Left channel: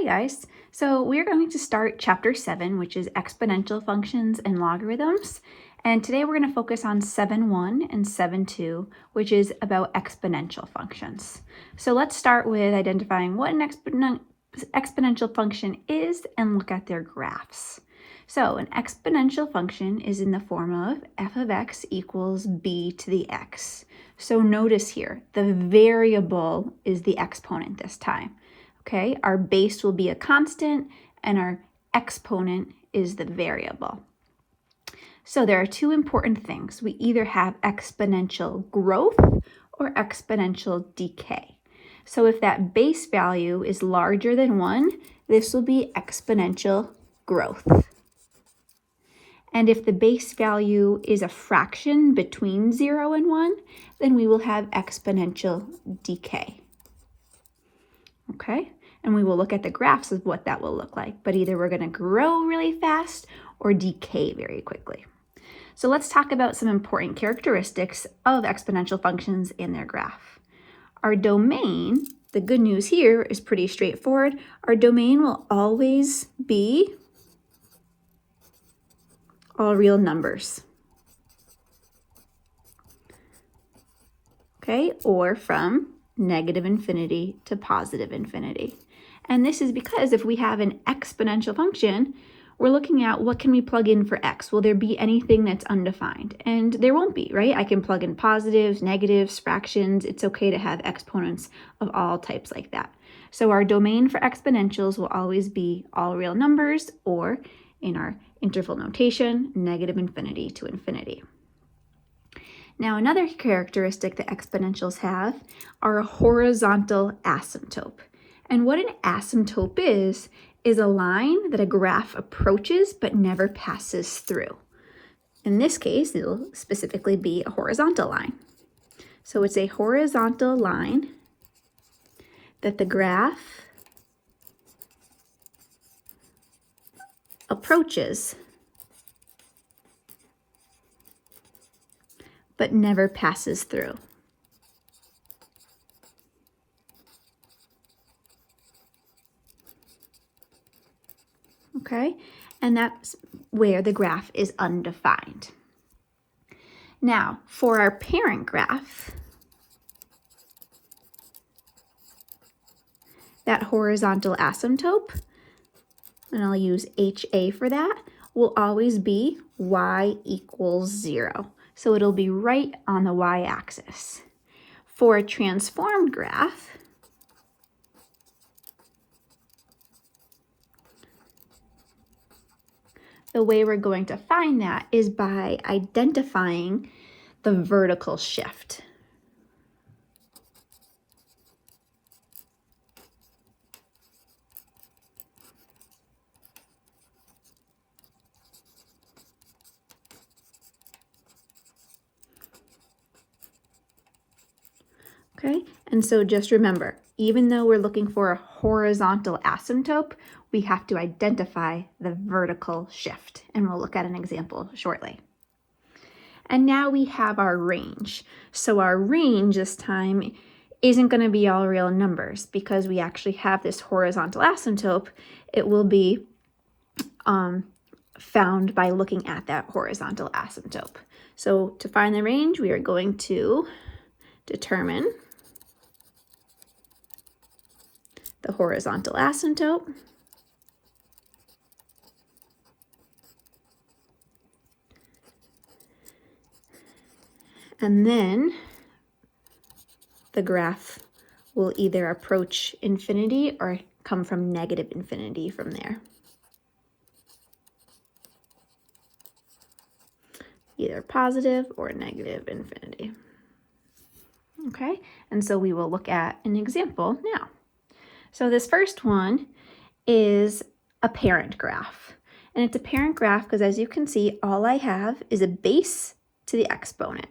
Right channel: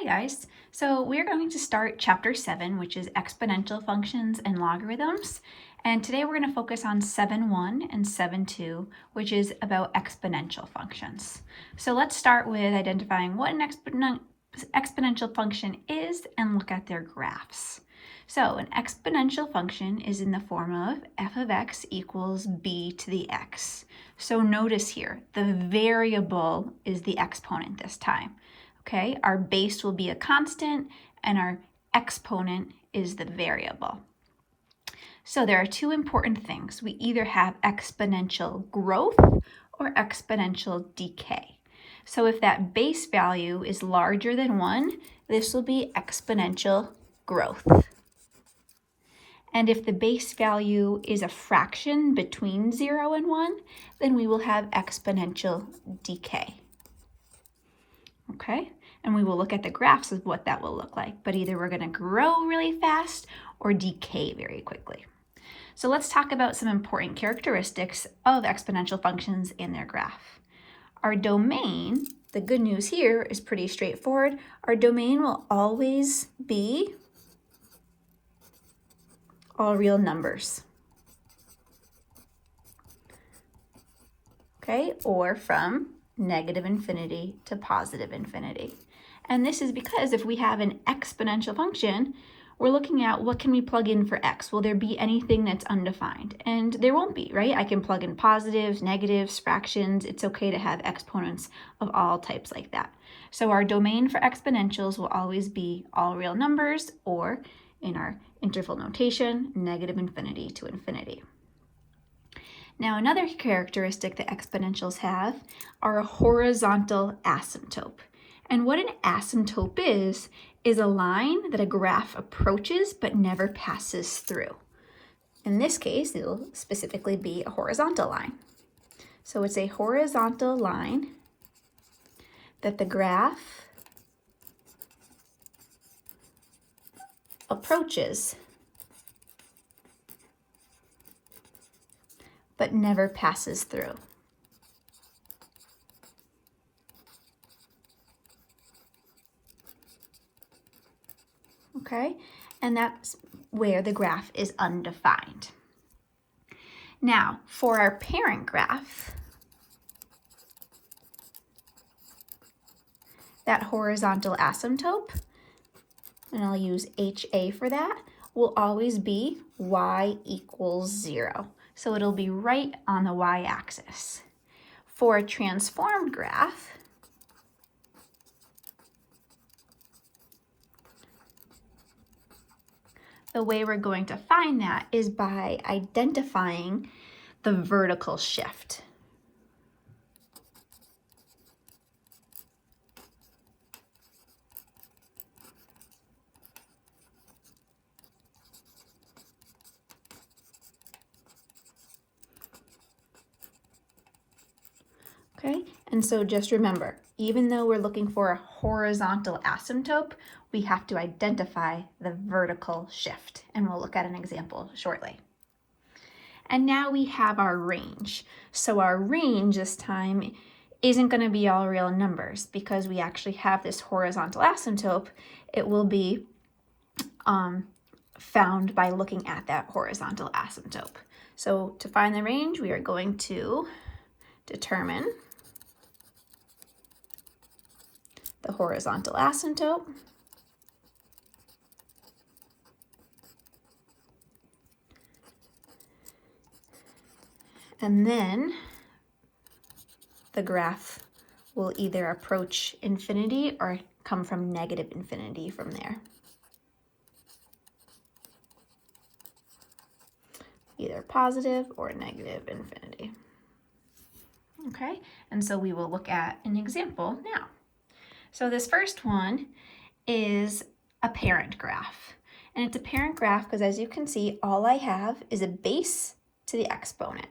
Hi guys, so we're going to start chapter 7, which is exponential functions and logarithms. And today we're going to focus on 7.1 and 7.2, which is about exponential functions. So let's start with identifying what an exponential function is and look at their graphs. So an exponential function is in the form of f of x equals b to the x. So notice here, the variable is the exponent this time. Okay, our base will be a constant and our exponent is the variable. So there are two important things. We either have exponential growth or exponential decay. So if that base value is larger than 1, this will be exponential growth. And if the base value is a fraction between 0 and 1, then we will have exponential decay. Okay, and we will look at the graphs of what that will look like, but either we're going to grow really fast or decay very quickly. So let's talk about some important characteristics of exponential functions in their graph. Our domain, the good news here is pretty straightforward. Our domain will always be all real numbers. Okay, or from negative infinity to positive infinity. And this is because if we have an exponential function, we're looking at what can we plug in for x? Will there be anything that's undefined? And there won't be, right? I can plug in positives, negatives, fractions. It's okay to have exponents of all types like that. So our domain for exponentials will always be all real numbers, or in our interval notation, negative infinity to infinity. Now, another characteristic that exponentials have are a horizontal asymptote. And what an asymptote is a line that a graph approaches but never passes through. In this case, it'll specifically be a horizontal line. So it's a horizontal line that the graph approaches but never passes through. Okay, and that's where the graph is undefined. Now, for our parent graph, that horizontal asymptote, and I'll use HA for that, will always be y equals 0. So it'll be right on the y-axis. For a transformed graph, the way we're going to find that is by identifying the vertical shift. Okay, and so just remember, even though we're looking for a horizontal asymptote, we have to identify the vertical shift, and we'll look at an example shortly. And now we have our range. So our range this time isn't going to be all real numbers because we actually have this horizontal asymptote. It will be found by looking at that horizontal asymptote. So to find the range, we are going to determine the horizontal asymptote. And then the graph will either approach infinity or come from negative infinity from there. Either positive or negative infinity. Okay, and so we will look at an example now. So this first one is a parent graph. And it's a parent graph because, as you can see, all I have is a base to the exponent.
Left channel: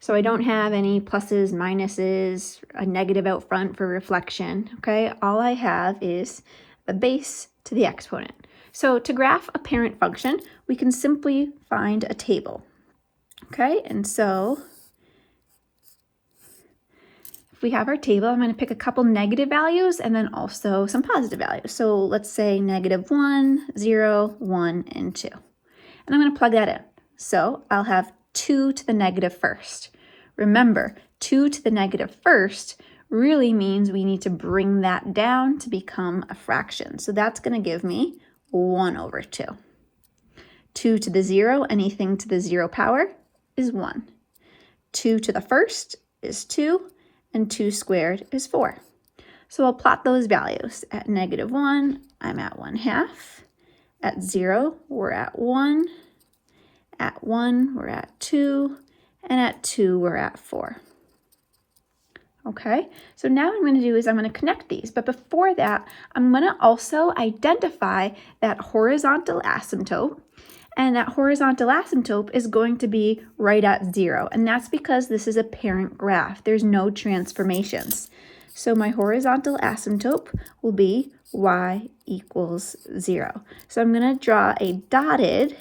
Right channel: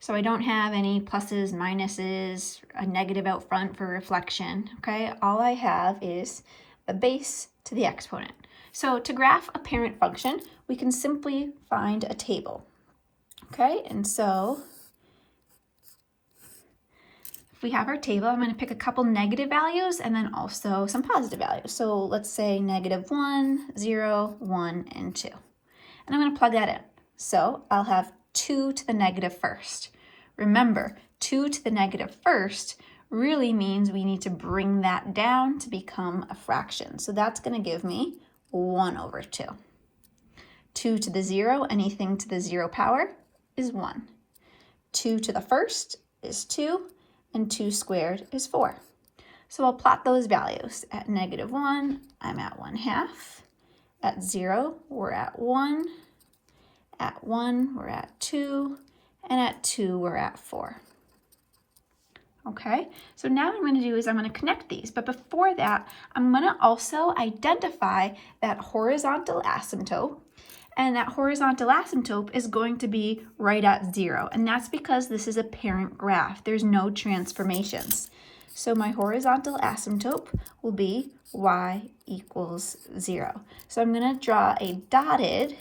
So I don't have any pluses, minuses, a negative out front for reflection, okay? All I have is a base to the exponent. So to graph a parent function, we can simply find a table, okay? And so if we have our table, I'm going to pick a couple negative values and then also some positive values. So let's say -1, 0, 1, and 2. And I'm going to plug that in. So I'll have 2 to the negative first. Remember, 2 to the negative first really means we need to bring that down to become a fraction. So that's going to give me 1/2. 2 to the 0, anything to the 0 power is 1. 2 to the first is 2, and 2 squared is 4. So I'll plot those values. At -1, I'm at 1/2. At 0, we're at 1. At 1, we're at 2. And at 2, we're at 4. Okay, so now what I'm going to do is I'm going to connect these. But before that, I'm going to also identify that horizontal asymptote. And that horizontal asymptote is going to be right at 0. And that's because this is a parent graph. There's no transformations. So my horizontal asymptote will be y equals 0. So I'm going to draw a dotted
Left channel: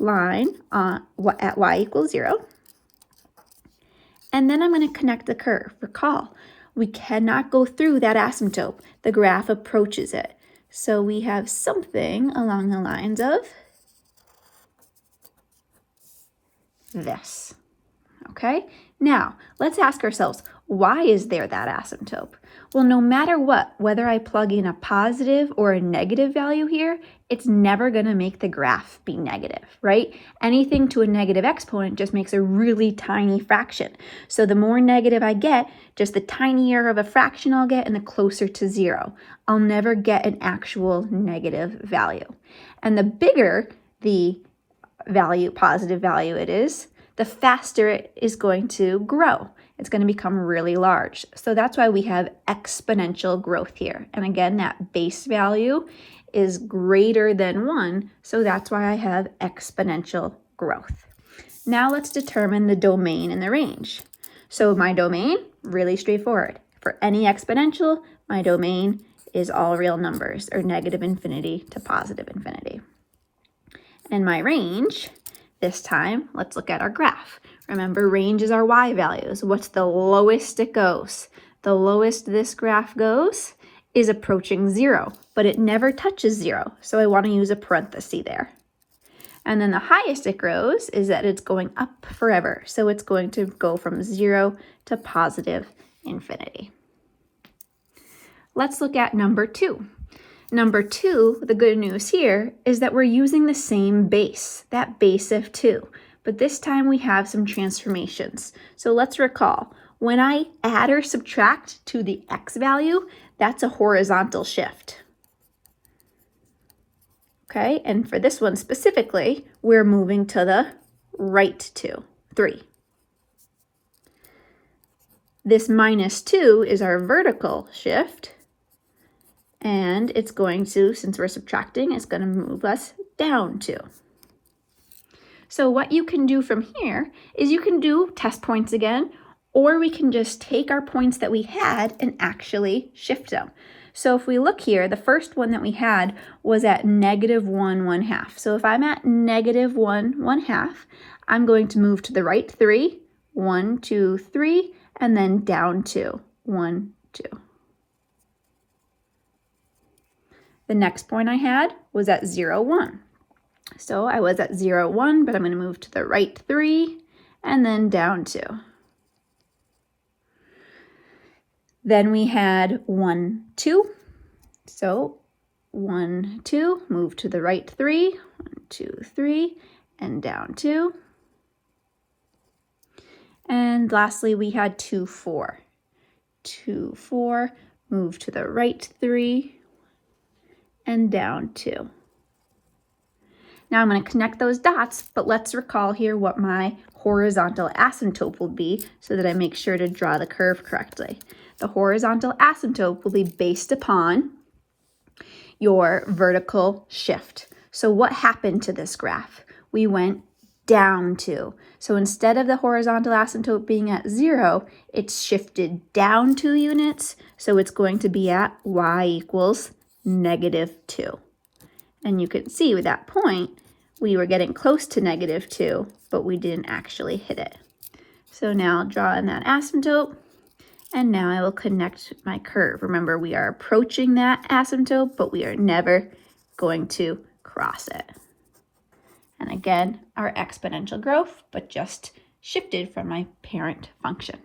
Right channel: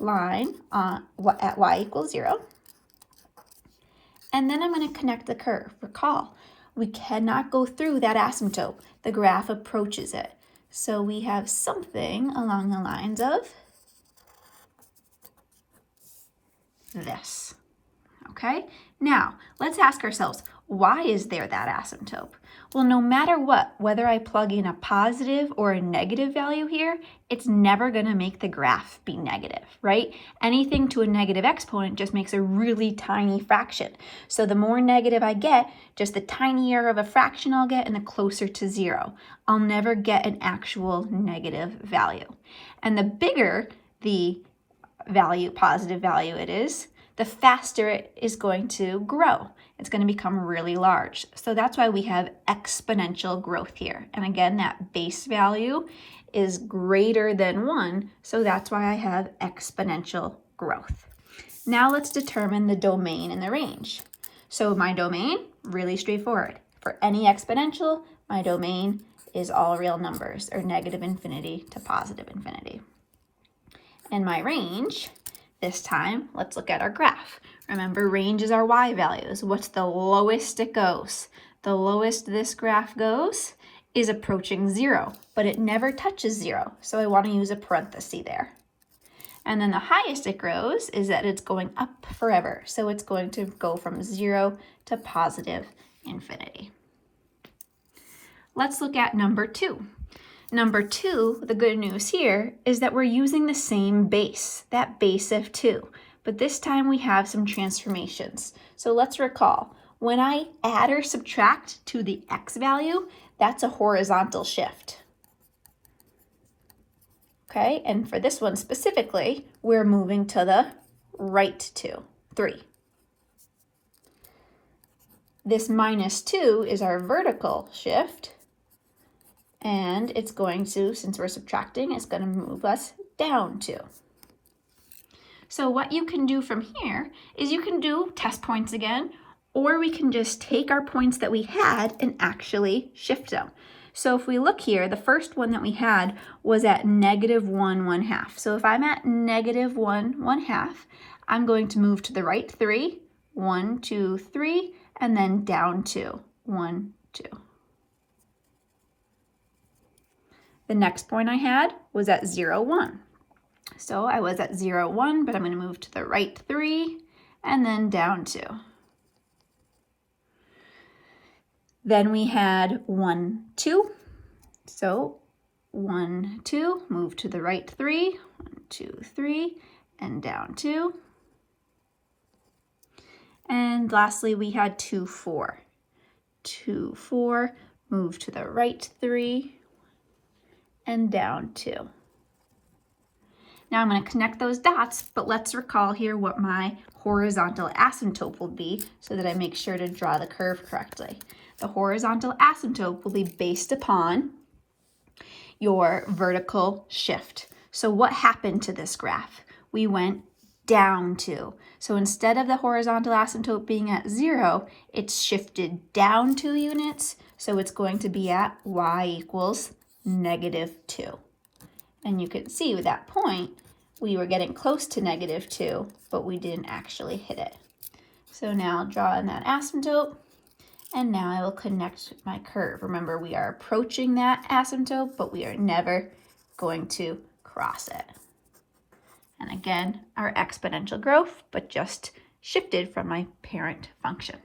line at y equals 0. And then I'm going to connect the curve. Recall, we cannot go through that asymptote. The graph approaches it. So we have something along the lines of this. Okay, now let's ask ourselves, why is there that asymptote? Well, no matter what, whether I plug in a positive or a negative value here, it's never going to make the graph be negative, right? Anything to a negative exponent just makes a really tiny fraction. So the more negative I get, just the tinier of a fraction I'll get and the closer to 0. I'll never get an actual negative value. And the bigger the value, positive value it is, the faster it is going to grow. It's going to become really large. So that's why we have exponential growth here. And again, that base value is greater than 1, so that's why I have exponential growth. Now let's determine the domain and the range. So my domain, really straightforward. For any exponential, my domain is all real numbers, or -infinity to +infinity. And my range, this time, let's look at our graph. Remember, range is our y values. What's the lowest it goes? The lowest this graph goes is approaching 0, but it never touches 0, so I want to use a parenthesis there. And then the highest it grows is that it's going up forever, so it's going to go from 0 to +infinity. Let's look at number 2. Number 2, the good news here is that we're using the same base, that base of 2. But this time we have some transformations. So let's recall, when I add or subtract to the x value, that's a horizontal shift. Okay, and for this one specifically, we're moving to the right 3. This -2 is our vertical shift. And it's going to, since we're subtracting, it's going to move us down 2. So what you can do from here is you can do test points again, or we can just take our points that we had and actually shift them. So if we look here, the first one that we had was at -1, 1/2. So if I'm at -1, 1/2, I'm going to move to the right 3, 1, 2, 3, and then down 2, 1, 2. The next point I had was at 0, 1. So I was at 0, 1, but I'm going to move to the right 3 and then down 2. Then we had 1, 2. So 1, 2, move to the right 3, 1, 2, 3, and down 2. And lastly, we had 2, 4. 2, 4, move to the right 3, and down 2. Now I'm going to connect those dots, but let's recall here what my horizontal asymptote will be so that I make sure to draw the curve correctly. The horizontal asymptote will be based upon your vertical shift. So what happened to this graph? We went down 2. So instead of the horizontal asymptote being at 0, it's shifted down 2 units. So it's going to be at y equals -2. And you can see with that point, we were getting close to -2, but we didn't actually hit it. So now draw in that asymptote, And now I will connect my curve. Remember, we are approaching that asymptote, but we are never going to cross it. And again, our exponential growth, but just shifted from my parent function.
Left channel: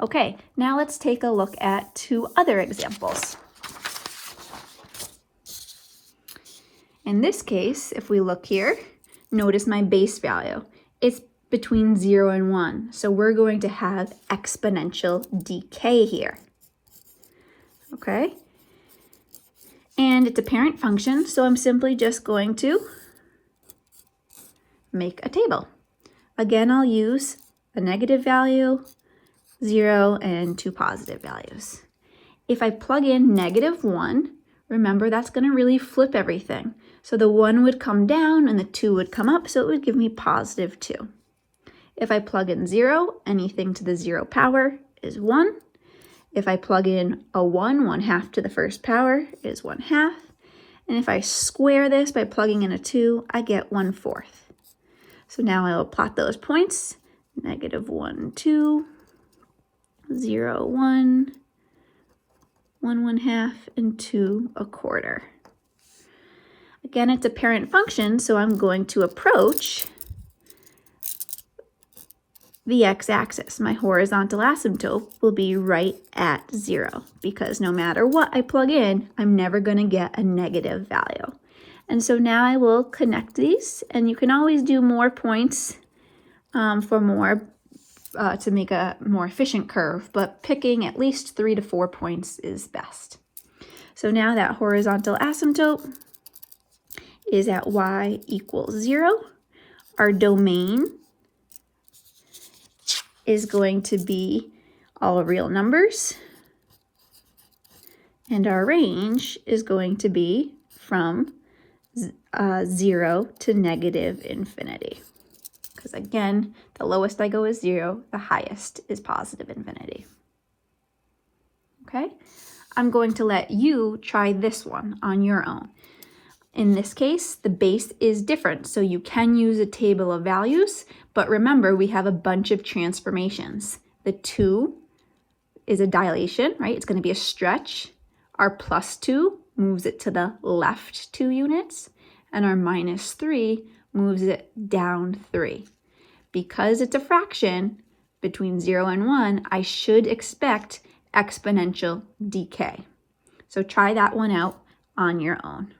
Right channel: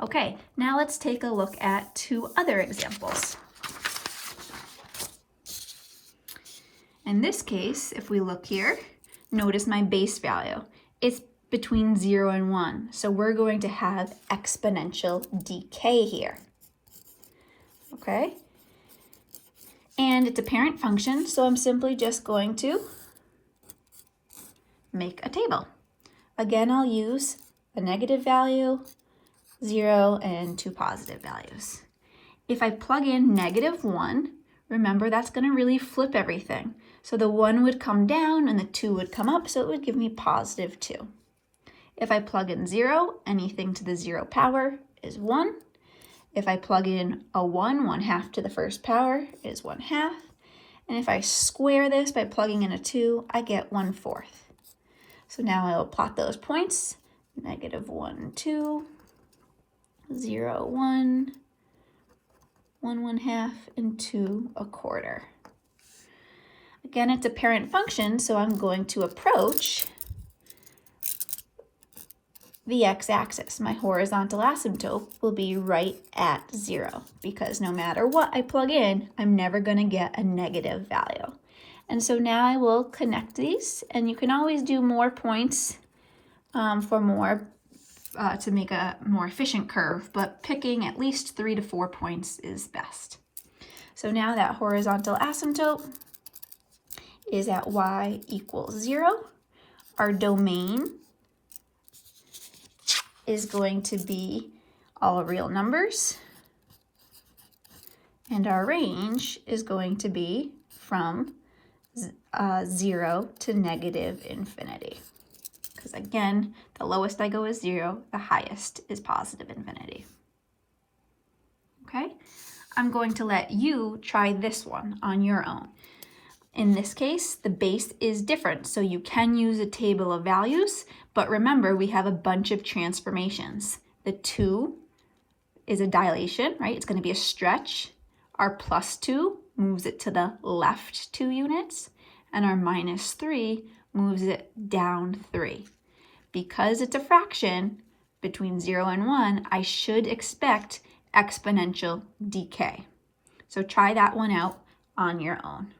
Okay, now let's take a look at two other examples. In this case, if we look here, notice my base value. It's between 0 and 1. So we're going to have exponential decay here. Okay? And it's a parent function, so I'm simply just going to make a table. Again, I'll use a negative value, 0, and two positive values. If I plug in -1, remember that's going to really flip everything. So the 1 would come down and the 2 would come up, so it would give me +2. If I plug in 0, anything to the 0 power is 1. If I plug in a 1, 1/2 to the first power is 1/2. And if I square this by plugging in a 2, I get 1/4. So now I will plot those points, -1, 2, 0, 1, 1 1/2, and 2 1/4. Again, it's a parent function, so I'm going to approach the x-axis. My horizontal asymptote will be right at 0 because no matter what I plug in, I'm never going to get a negative value. And so now I will connect these, and you can always do more points to make a more efficient curve, but picking at least 3 to 4 points is best. So now that horizontal asymptote is at y equals 0. Our domain is going to be all real numbers, and our range is going to be from 0 to -infinity. Because again, the lowest I go is 0, the highest is +infinity. Okay, I'm going to let you try this one on your own. In this case, the base is different, so you can use a table of values, but remember we have a bunch of transformations. The 2 is a dilation, right? It's going to be a stretch. Our +2 moves it to the left 2 units, and our -3 moves it down 3. Because it's a fraction between 0 and 1, I should expect exponential decay. So try that one out on your own.